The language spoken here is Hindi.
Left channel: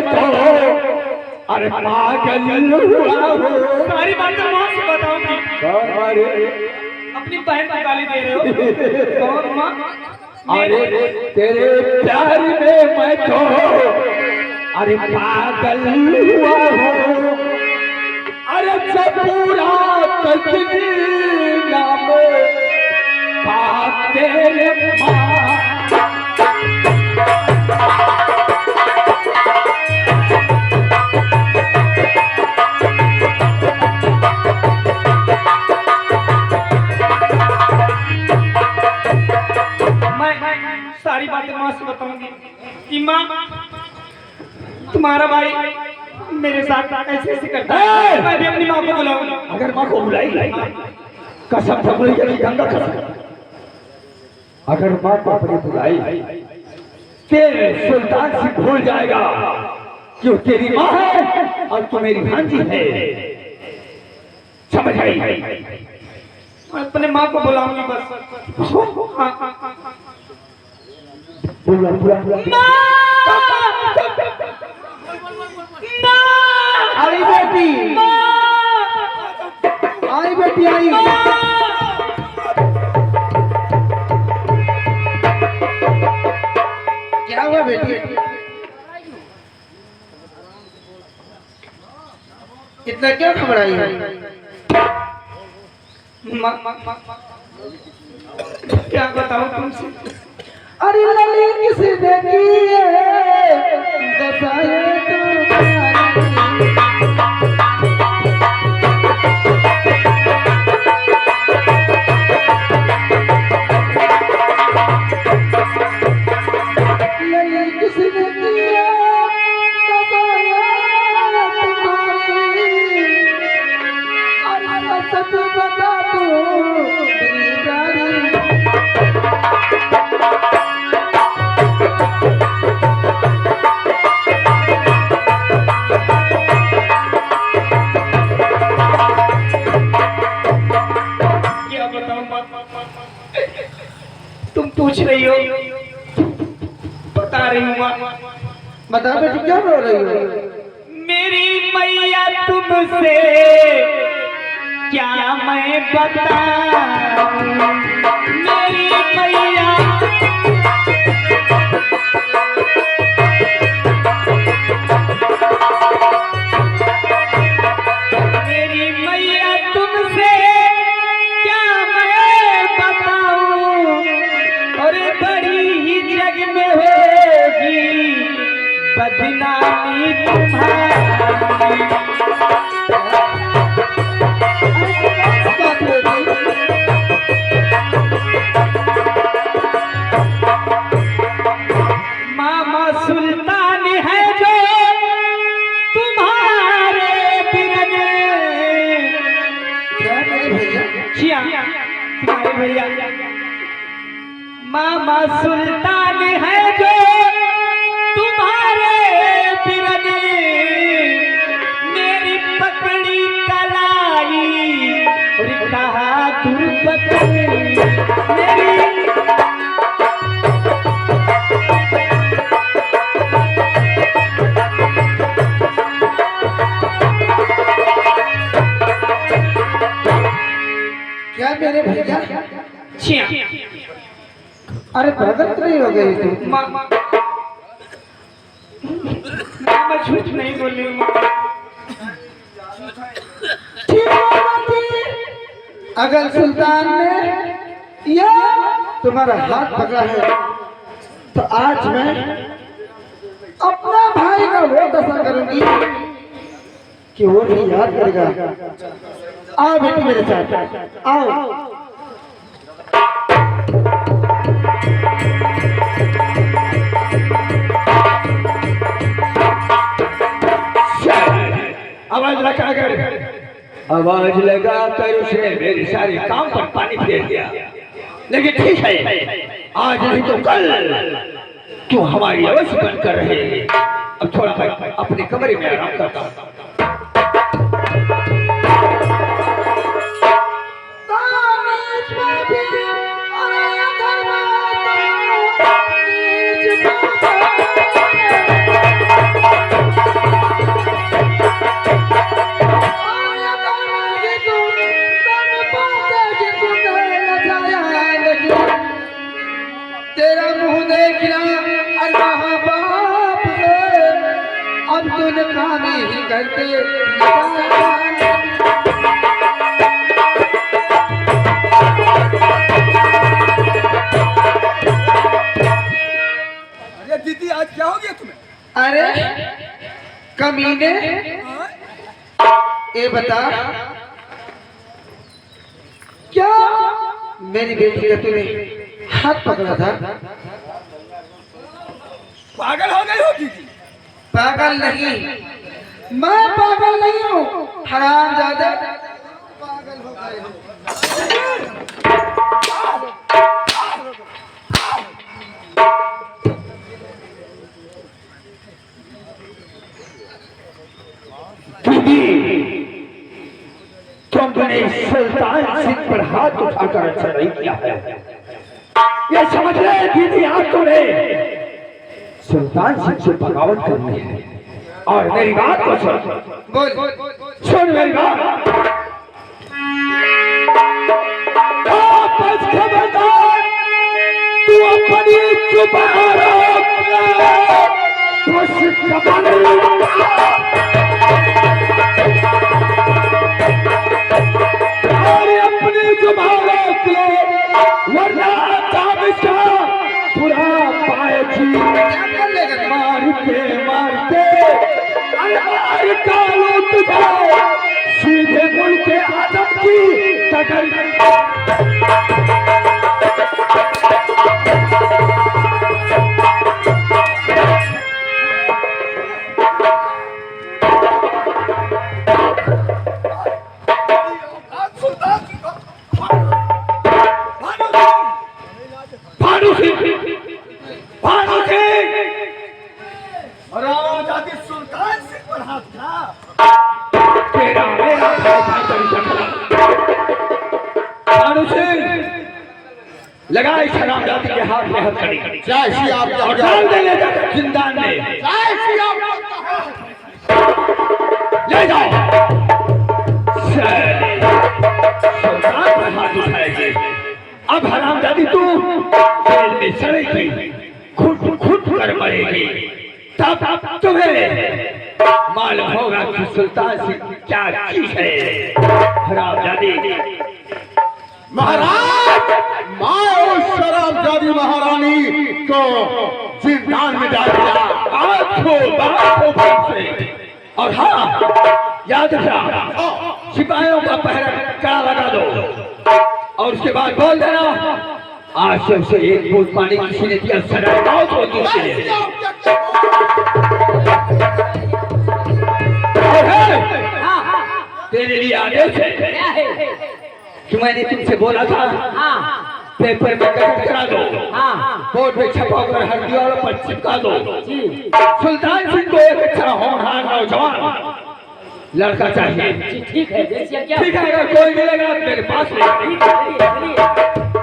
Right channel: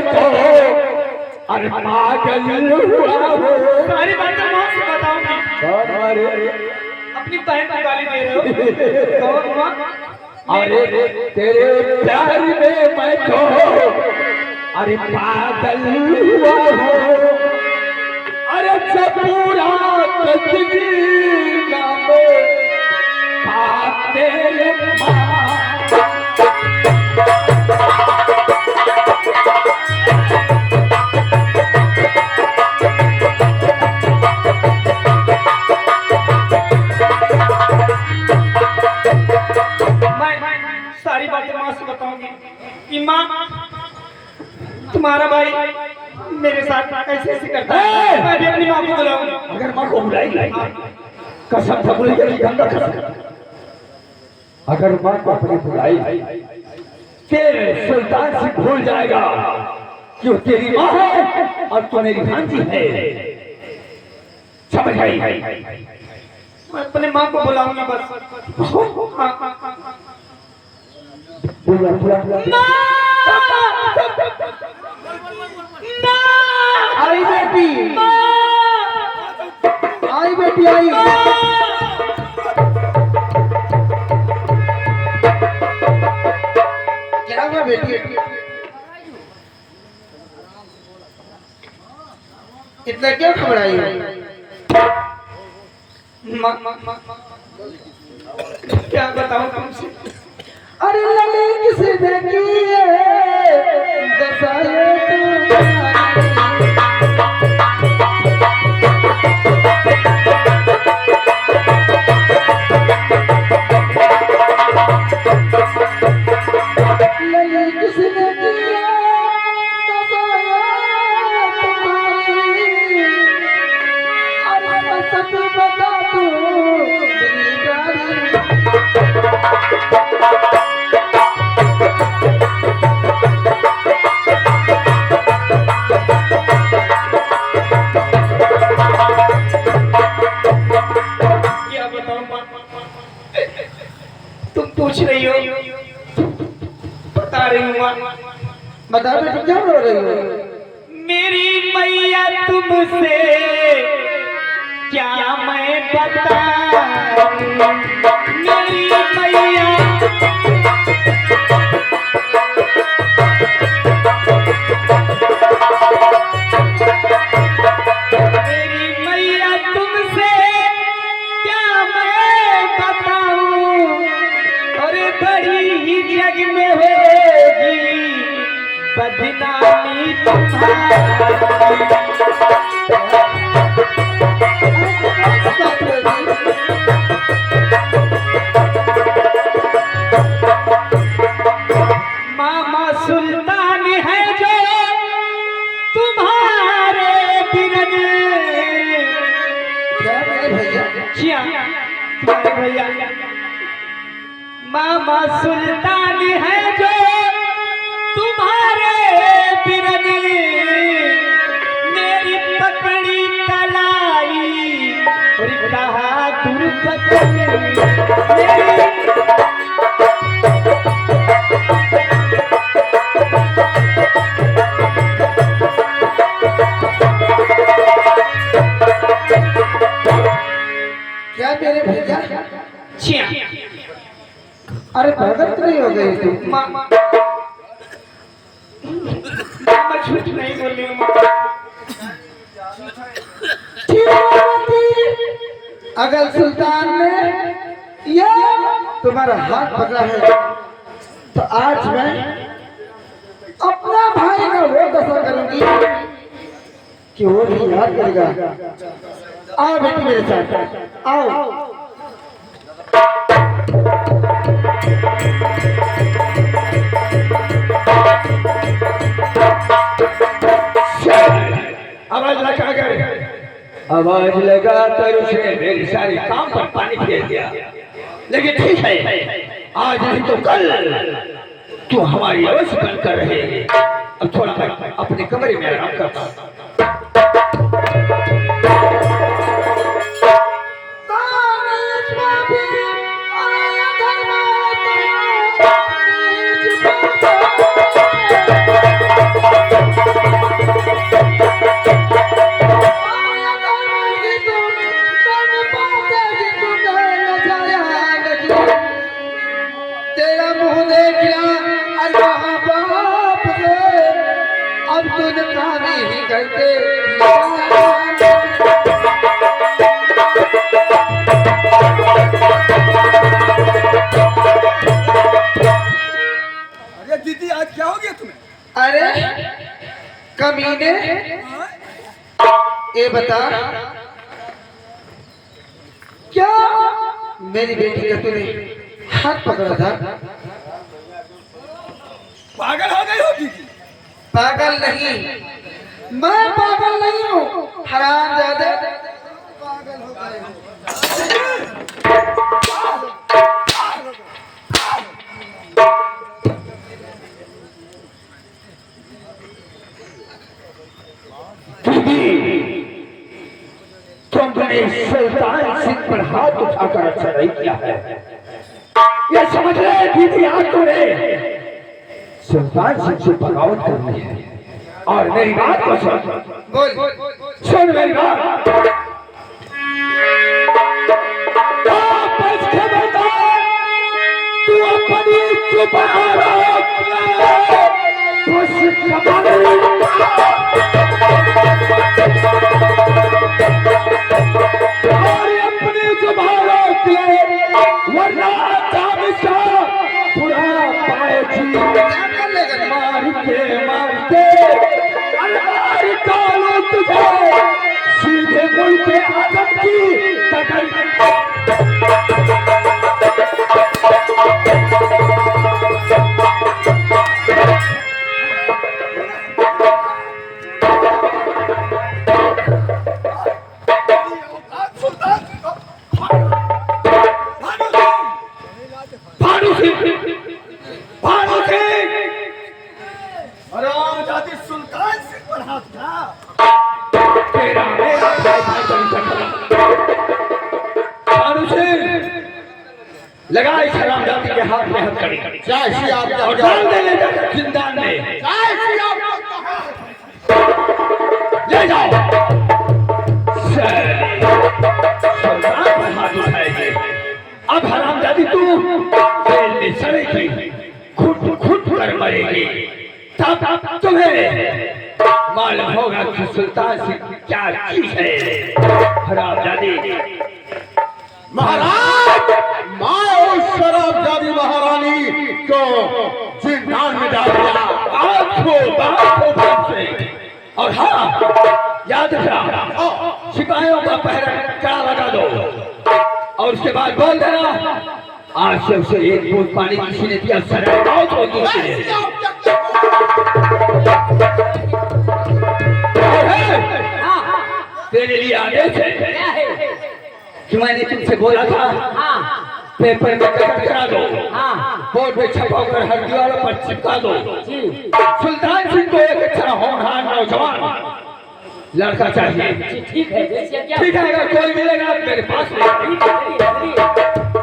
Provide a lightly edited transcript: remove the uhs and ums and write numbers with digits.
मैं तो अरे पागल हुआ हूँ। सारी बातें माँ से बताऊंगी। अरे अपनी बहन को गाली दे रहे हो बहुत माँ। अरे तेरे प्यार में मैं तो अरे पागल हुआ हूँ। अरे पूरा तकदीर में तेरे सारी बातें माँ से बताऊंगी कि माँ तुम्हारा भाई मेरे साथ ऐसे ऐसे करता है। मैं भी अपनी माँ को बुलाऊंगा। अगर माँ को बुलाई कसम से बुलाई गंगा कसम, अगर माँ को अपनी बुलाई तेरे सुल्तान से भूल जाएगा कि वो तेरी माँ है और तू मेरी भांजी है। समझ आई? मैं अपने माँ को बुलाऊंगी बस। हाँ हाँ हाँ आई बेटी, आई बेटी, आई। क्या हुआ बेटी? इतना क्यों घबराई है? क्या बताऊं तुमसे? अरे ललित किसे देखी है दसाए ललित किसे देखी है दसाए तुम्हारी। अरे सच बता तू तुम पूछ रही हो बता रही हूँ। बता बेटी क्या रो रही हो? मेरी मैया तुमसे क्या मैं बताऊं। मेरी मैया मेरी मैया तुमसे क्या मैं बताऊं। अरे बड़ी ही जग में होगी बदनामी तुम्हारी। मामा सुल्तान है जो तुम्हारे बिरन। क्या मेरे भैया? तुम्हारे भैया मामा सुल्तान है जो तुम्हारे बिरन। मेरी पकड़ी कलाई बहादुर पकड़ी मेरी। क्या मेरे भैया? छिया अरे प्रगट नहीं हो गई थी? मामा झूठ नहीं बोली हूँ। अगर सुल्तान ने या तुम्हारा हाथ पकड़ा है तो आज मैं अपना भाई का वो दशा करूंगी कि वो भी याद करेगा। आओ बेटी मेरे साथ आओ। आवाज लगा कर उसे मेरी सारी काम पर पानी फेर दिया। लेकिन ठीक है, आज नहीं तो कल तू हमारी अवश्य बनकर रहेगी। अब थोड़ा सा अपने कमरे में आराम करता हूँ। अब तो नकामी ही करते अरे दीदी आज क्या हो गया तुम्हें? अरे कमीने हाँ? ये बता क्या मेरी बेटी का तूने हाथ पकड़ा था? पागल हो गई हो दीदी? पागल नहीं, मैं पागल नहीं हूँ, हरामजादा। पागल हो गए हो। तुमने सुल्तान सिंह पर हाथ उठाकर अच्छा नहीं किया है। ये समझ रहे दीदी, आज तुम्हें सुल्तान सिंह से बगावत करनी है। और मेरी बात को सुन, सुन मेरी बात। वापस खबरदार, तू अपनी जुबान रोक ले, बस और अपनी जुबान रोक ले, वरना ताबिशा बुरा पाएगी। मारते अलमार डालू तुझे सीधे मुल्क आदम की कदर। हरामजादी सुल्तान सिंह पर हाथ था। तेरा मेरा लगा इस हरामजादी के हाथ में हथकड़ी और डाल दे जिंदान में। ले जाओ, सुल्तान पर हाथ उठाएगी। अब हरामजादी तू जेल में सड़ेगी, खुद कर मरेगी। तब तुम्हें मालूम होगा कि सुल्तान सिंह क्या चीज है। हरामजादी महाराज, मैं उस शराबजादी महारानी को जिंदान में डाल दिया। आंखों से। और हाँ, याद रखना, सिपाहियों का पहरा कड़ा लगा दो और उसके बाद बोल देना आज से उसे एक बूंद पानी किसी ने दिया सराय मौत होगी उसके लिए। तेरे लिए आदेश है कि मैंने तुमसे बोला था पेपर में कट करा दो, बोर्ड में छपा कर हर दीवारों पर चिपका दो। सुल्तान सिंह को एक अच्छा होनहार नौजवान लड़का चाहिए। ठीक है, जैसे क्या? ठीक है, अगर कोई मिलेगा मेरे पास रहेगा।